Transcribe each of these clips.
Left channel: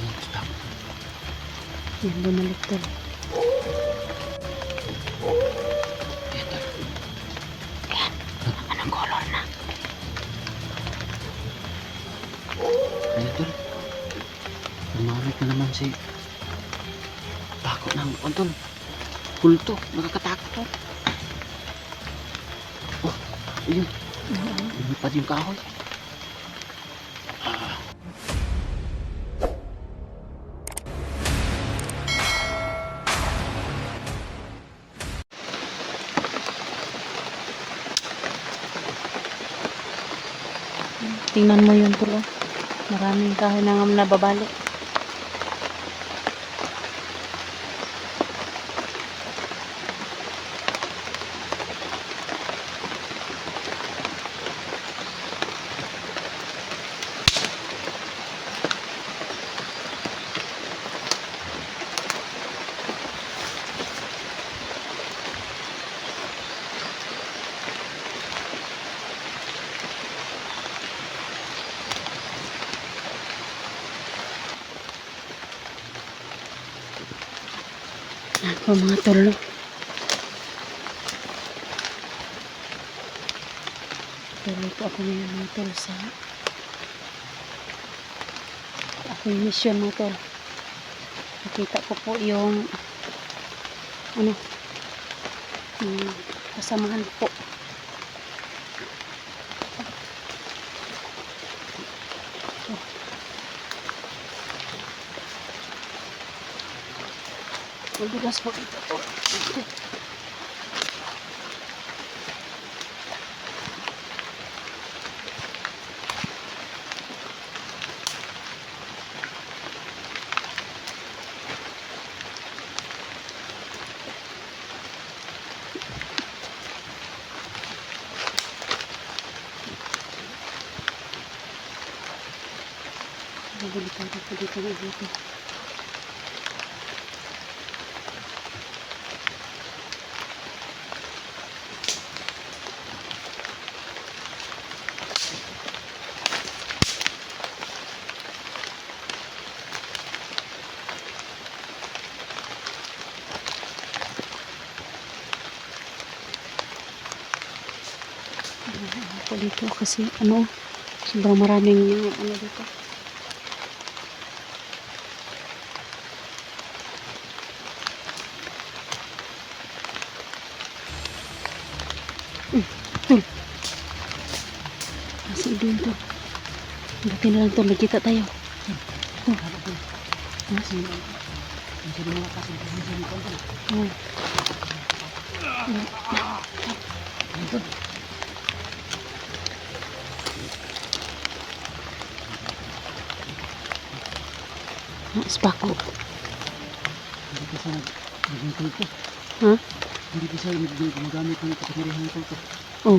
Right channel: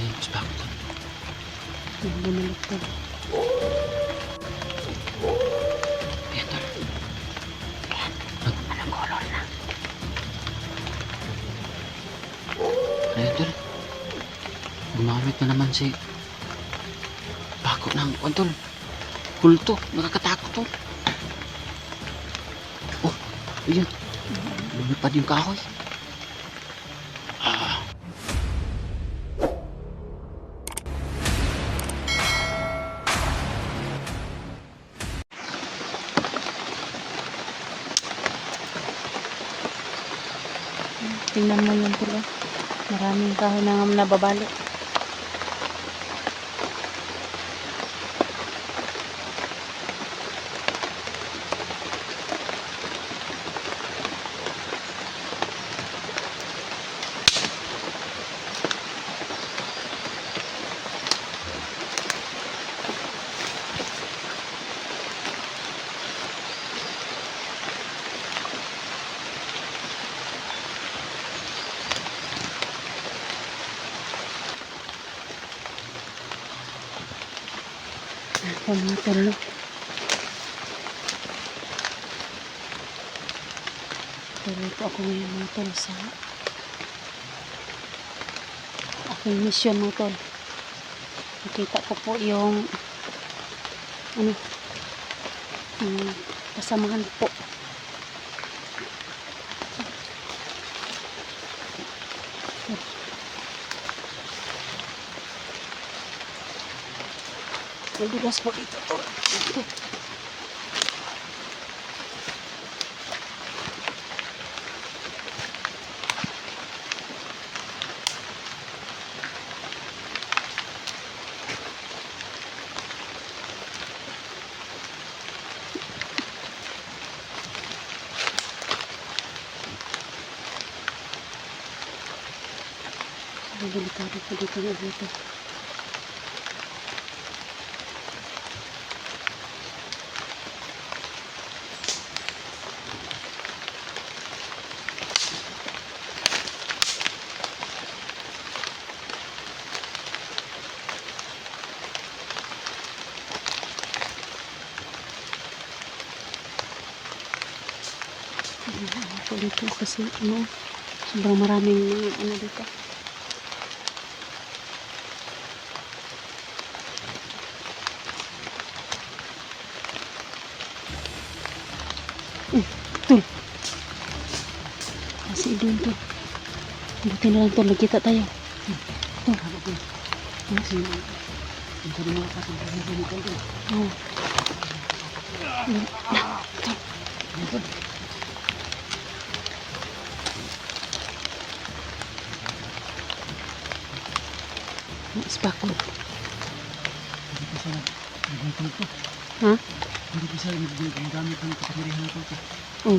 Ayan, stop. Yan, bumalik tol. Ayan, tol. Ayan, anong color na? Ayan, tol. Gumamit na naman si Bako ng tol. Kulto, nakakatakot to. Oh, ayun. Lumipad yung kahoy. Tingnan mo yun tol. Oh. Maraming kahoy na nababalik. Ako mga tol. Tuloy po ako ngayon mga tol sa aking mission mga tol. Nakita ko po yung kasamahan po. Madulas po dito tol. Delikado po dito na dito. Ako dito kasi sobrang maraming dito. Kasi doon to. Buti na lang to, nagkita tayo. Oh. Spako. Hindi ko siya naging ko. Ha? Hindi ko siya naggamit ng kapangyarihan ko. Oh.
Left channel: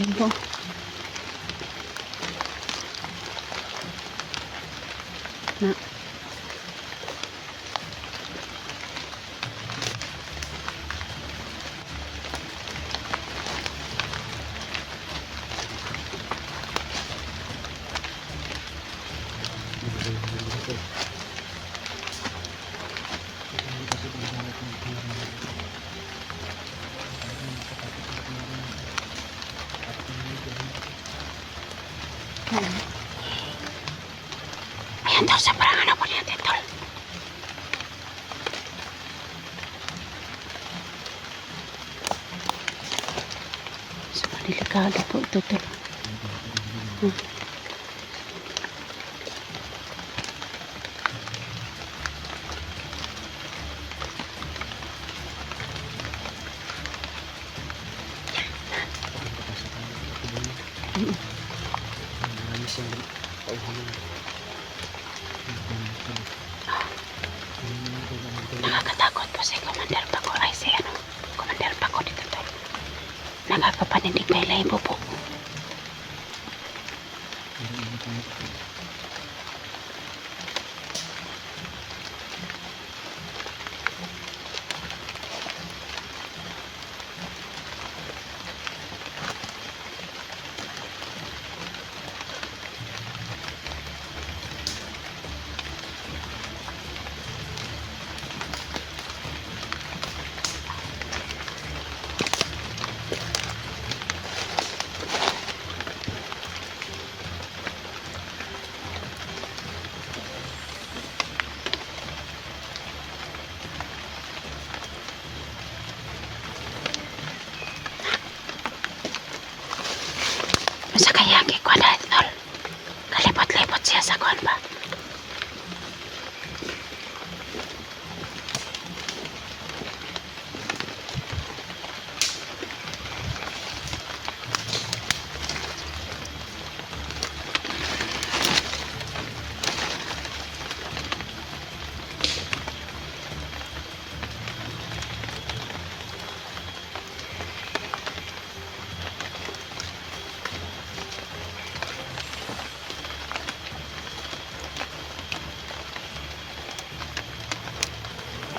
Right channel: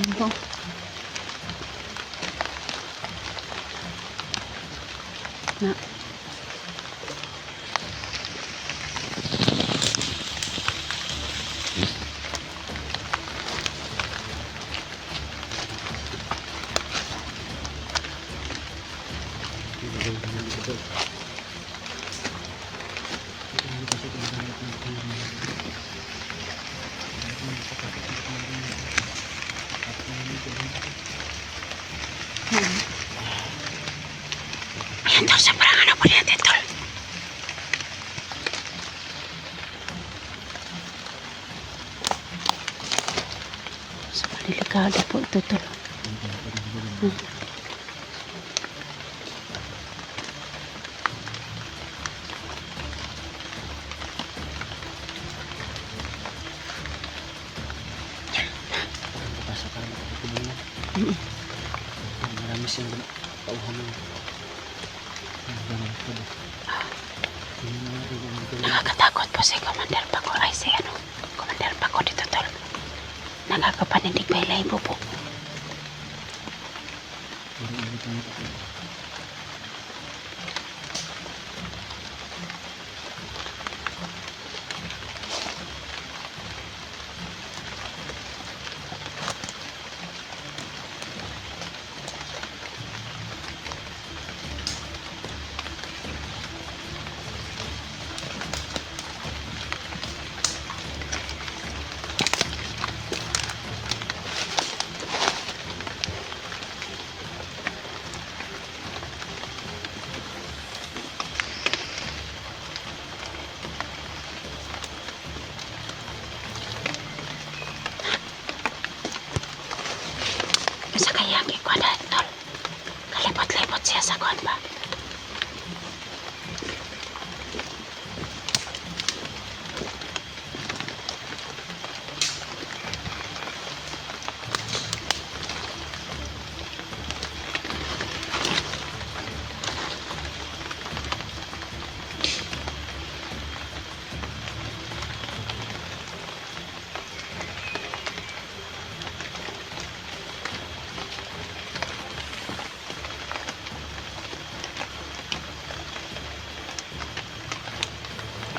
Yan po. Na. Ayan daw, sobrang po natin tol. Sobrang delikado po ito tol. Marami siyang tauhan na. Nakakatakot po si Commander Paco. Ay si Commander Paco dito tol. Nakakapaninig pa ilaybo po. Dapat siya sa kuwan ba?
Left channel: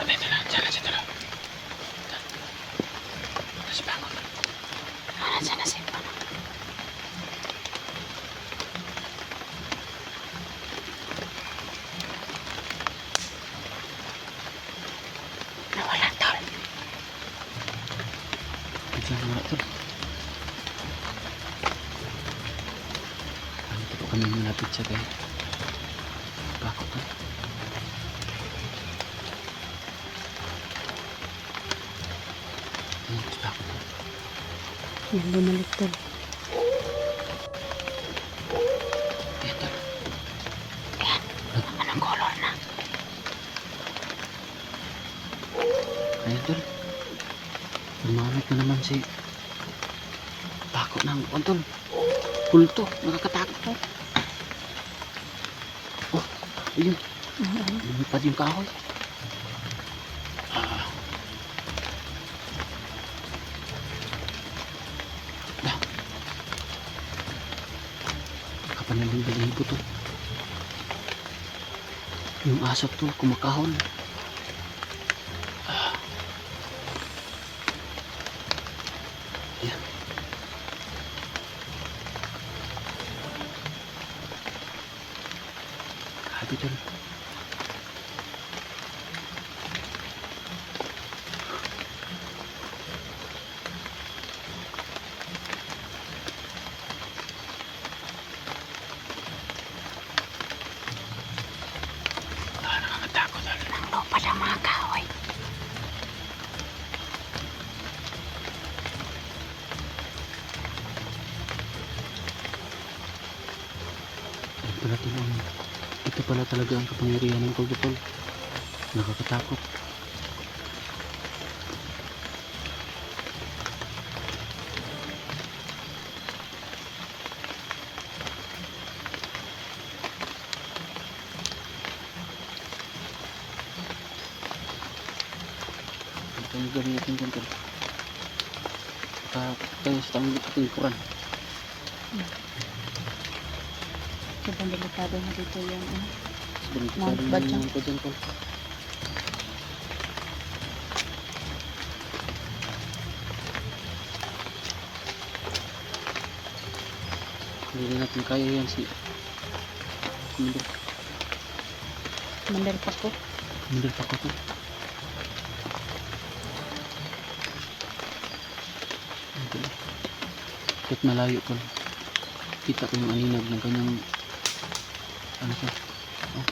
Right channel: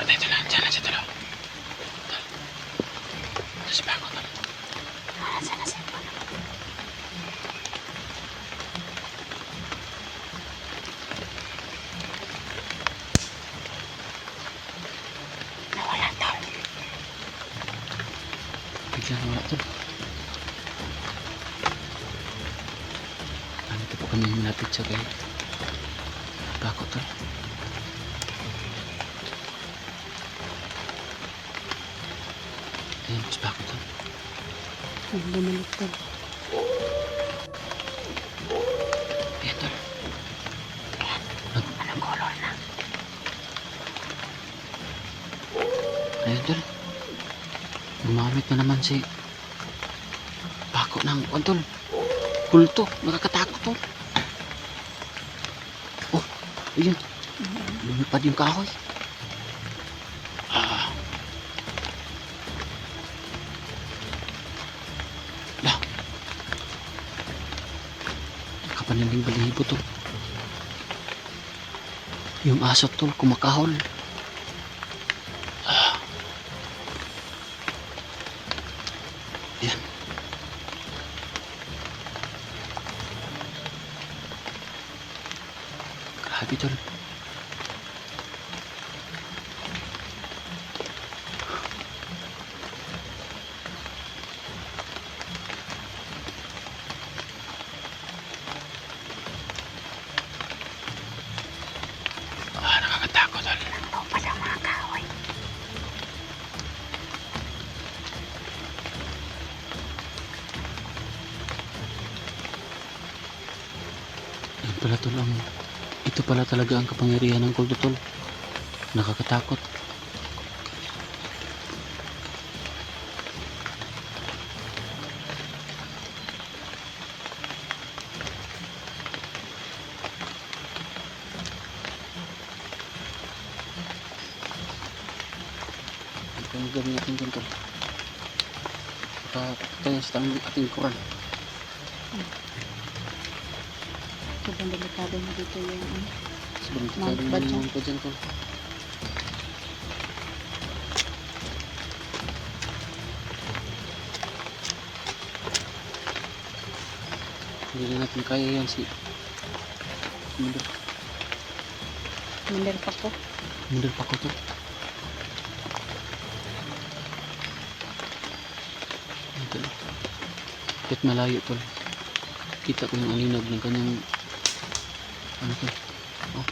Ito lang, dyan lang siya talo. Tapos bangon ka. Nandiyan na siya. Nawala tol. Bigla nga wala tol. Ito po kami malapit sa kay bako tol. Ayun, mas bako tol. Bumalik tol. Ayan tol. Ayan. Anong color na? Ayun tol. Gumamit na naman si bako ng tol. Kulto, nakakatakot tol. Oh, ayun. Lumipad yung kahoy. Lah. Kapanaling balibo tol. Yung aso tol, kumakahon. Ayan. Grabe tol. Nakakatakot tol. Ano pa ng mga kahoy? Ayun pala tol, ito pala talaga ang kapangyarihan ng kulto tol. Nakakatakot. Ito yung gawin natin dyan tol. Baka tayo sa ating kuran. Sobrang delikado na dito yung ano. Balik Mount Badjang. naman pa dyan tol. Hindi na natin kaya yan si Commander. Mandar pa po. Commander pa ko to. Ito lang. Kahit malayo tol. Kita ko yung aninag ng kanyang ano to. Oh.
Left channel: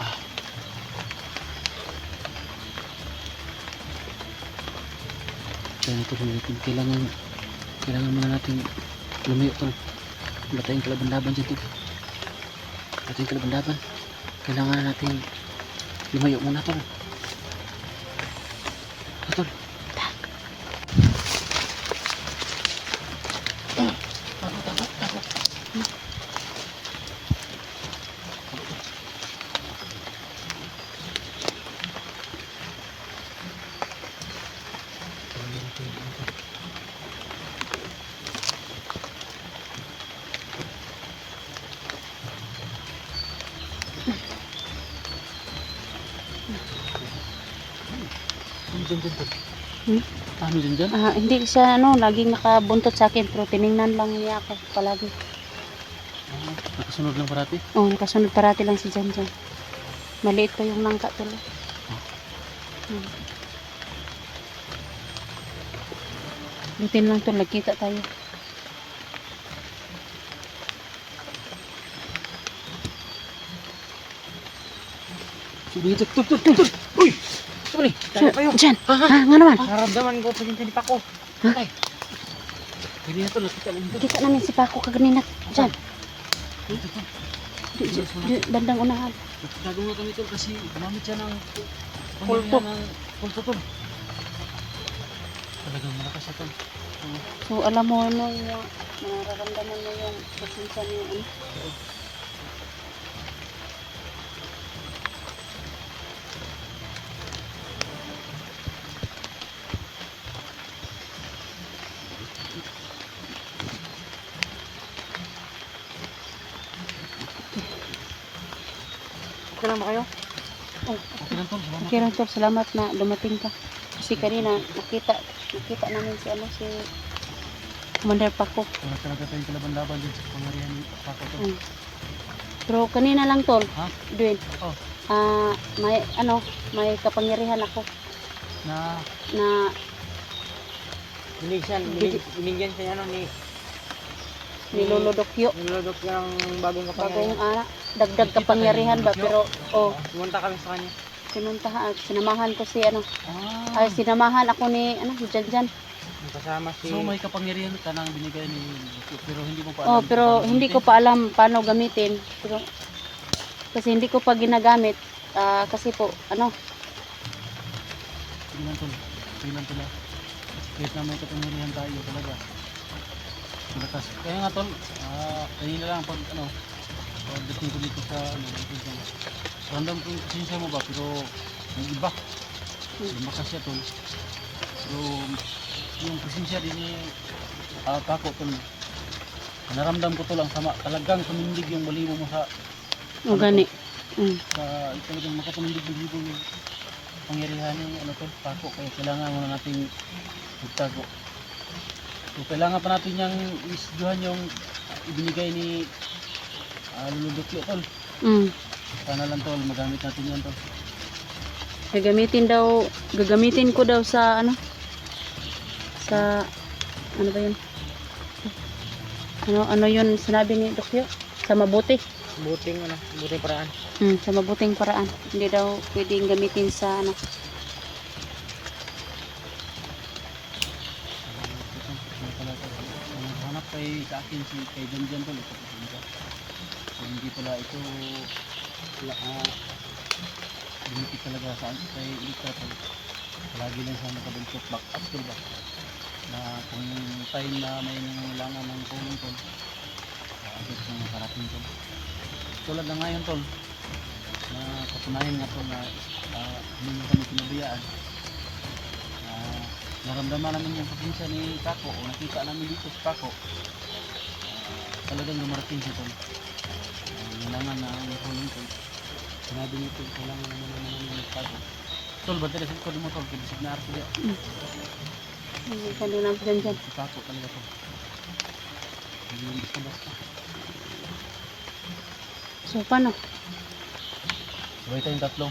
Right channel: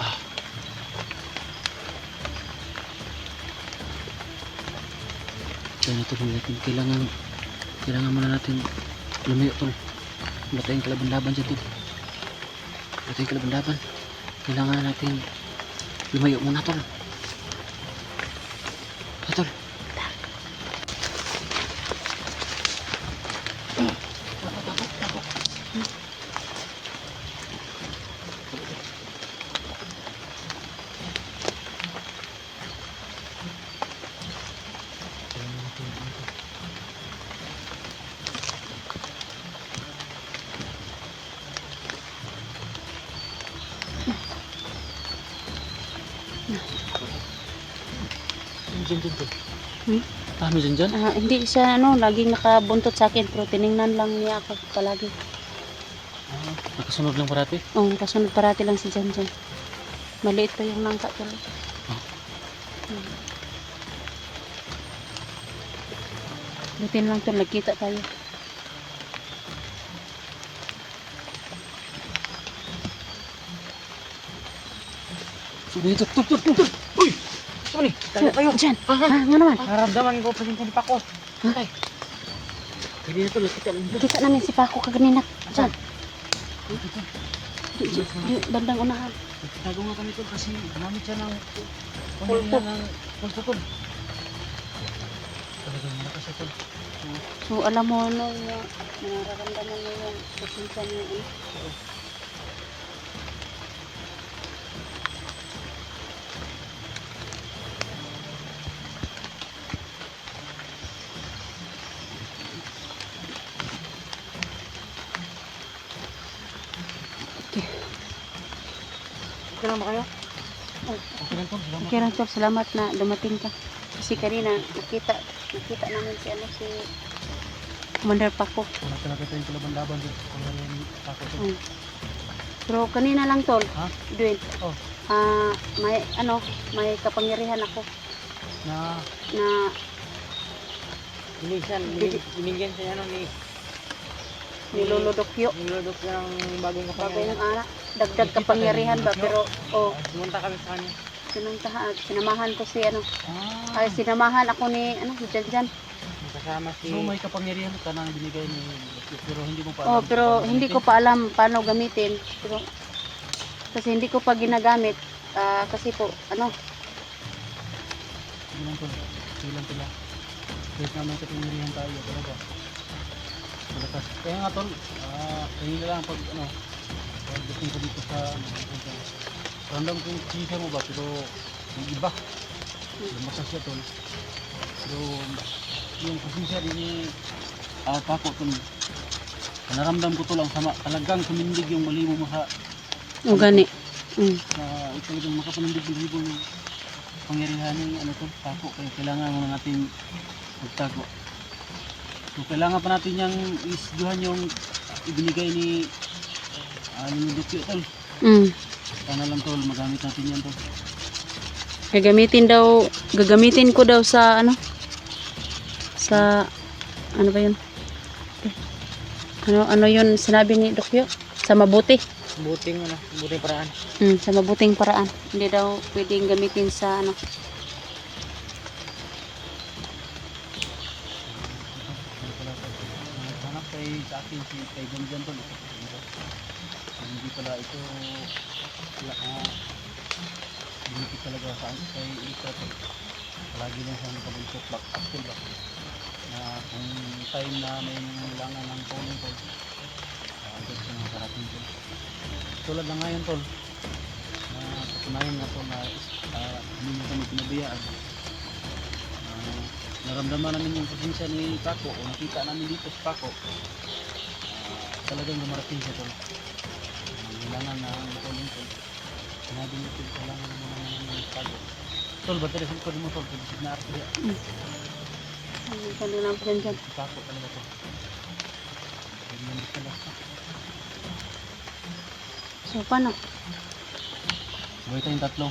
Ah. Kaya na tol, kailangan muna natin lumayo tol. Wala tayong kalaban-laban dyan tol. Wala tayong kalaban-laban. Kailangan natin lumayo muna tol. Tol. Dyan. Hmm? Dami dyan. Hindi siya ano, laging nakabuntot sa akin pero tiningnan lang niya ako palagi. Nakasunod lang parati. Oh, nakasunod parati lang si Jan Jan. Maliit pa yung nangka tuloy. Butin lang to, nagkita tayo. Sulit, tol. Uy! Saan ni? Tayo kayo. Jan, nga naman. Naramdaman ko pasensya ni Pako. Ay. Hindi ito nakita lang dito. Nakita namin si Paco kaganina. Diyan. Dito. Di, bandang unahan. Nagtago nga kami tol kasi gumamit siya ng Pulpo. pulpo tol. Talagang malakas siya tol. Oo. So alam mo nung nararamdaman mo yung presensya niya ano? Oo. Okay lang ba kayo? Oh, Okay lang tol. Salamat. okay lang tol, salamat na dumating ka. Kasi kanina nakita namin si ano si Commander Paco. Wala talaga tayong kalaban-laban dito sa pangarihan ni Paco tol. Mm. Pero kanina lang tol, Ha? Dwayne. Oh. May kapangyarihan ako Na na Binigyan siya ni niluludokyo. Nilodok yung bagong Bagong dagdag kapangyarihan ba pero Pumunta kami sa kanya. sinamahan ko si ano ay sinamahan ako ni ano si Janjan. Kasama si so may kapangyarihan ka nang binigay ni pero hindi mo pa Oh, alam pero kung hindi ko pa alam paano gamitin. Pero kasi hindi ko pa ginagamit kasi po ano Sige lang tol. Sige lang tol. Kahit na may kapangyarihan tayo talaga. Malakas. Kaya nga tol, kayo na lang pag ano, pagdating ko dito sa ano, random kung pasensya mo ba, pero yung iba, lumakas siya tol. Pero yung pasensya din niya, Paco tol, naramdam ko tol ang sama, talagang tumindig yung balibo mo sa, gani. talagang makapanindig balibo yung pangyarihan ni ano tol, Paco, kaya kailangan muna natin magtago. So, kailangan pa natin yung isduhan yung ibinigay ni Luludokyo tol. Sana lang tol, magamit natin yan tol. Gagamitin ko daw sa ano sa ano ba yun? Ano yun sinabi ni Dokyo? Sa mabuti. buting paraan. Sa mabuting paraan. Hindi daw pwedeng gamitin sa ano. Hanap kay sa akin si kay Janjan tol. Hindi pala ito dumikit talaga sa kay Litra tol. Lagi lang siya nakabuntot back up tol ba. Na kung time na may nangailangan ng tulong tol. Agad kong nakarating tol. Tulad na ngayon tol. Na katunayan nga tol na hindi mo kami pinabuyaan. Naramdaman namin yung pasensya ni Paco o nakita namin dito sa Paco. Talagang dumarating siya tol. Kailangan na ang tulong tol. Sinabi niyo tol, kailangan naman naman yung Paco. Tol, ba't rin sa mo tol? Kibisig na arko diya. Kano lang dyan. Si Paco talaga tol. Hindi yung basta-basta. So paano? Sabay tayong tatlo.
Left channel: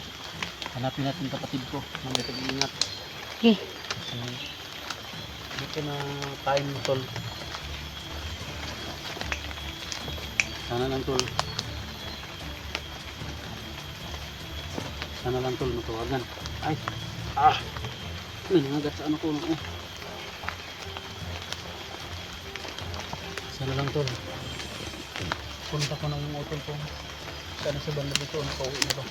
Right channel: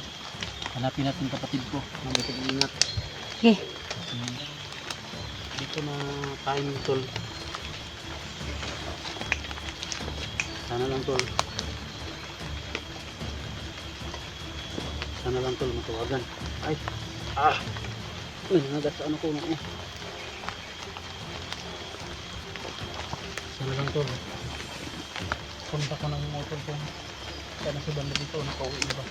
Hanapin natin kapatid ko. Mga pag-iingat. Okay. Kasi dito na time tol. Sana lang tol. Sana lang tol matawagan. Ay. Ay, nangagat sa ano ko. Sana lang tol. Punta ko na yung motor ko. Sana sa banda dito. Nakauwi na ba?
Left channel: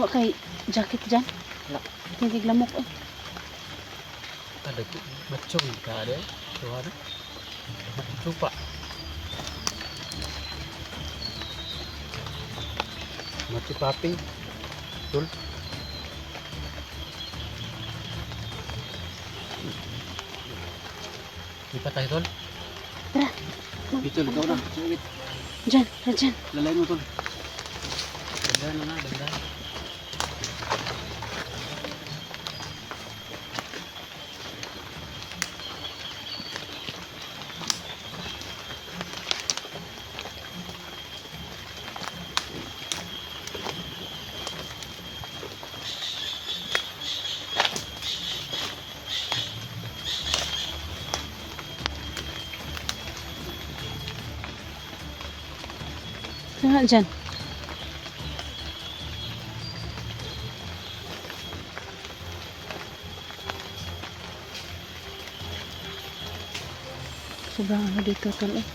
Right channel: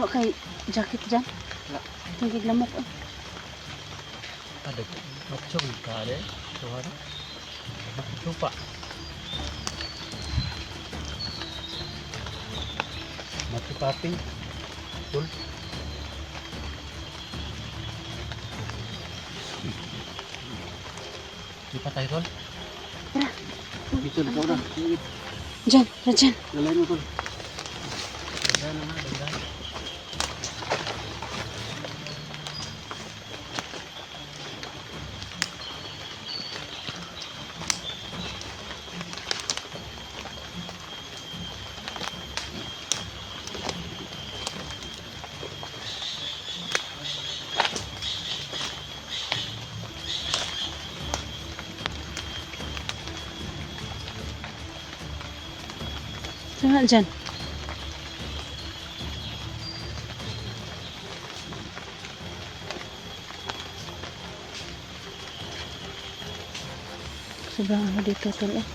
Wa kay jacket dyan. Hindi lamok eh. Ada macam ka ada. Suara. Lupa. Mati paping. Betul. Lipat tayo tol. Dito na tol. Dyan. Lalay mo tol. Dandan na nga, dandan. Saan dyan? Sobrang ano dito tol eh.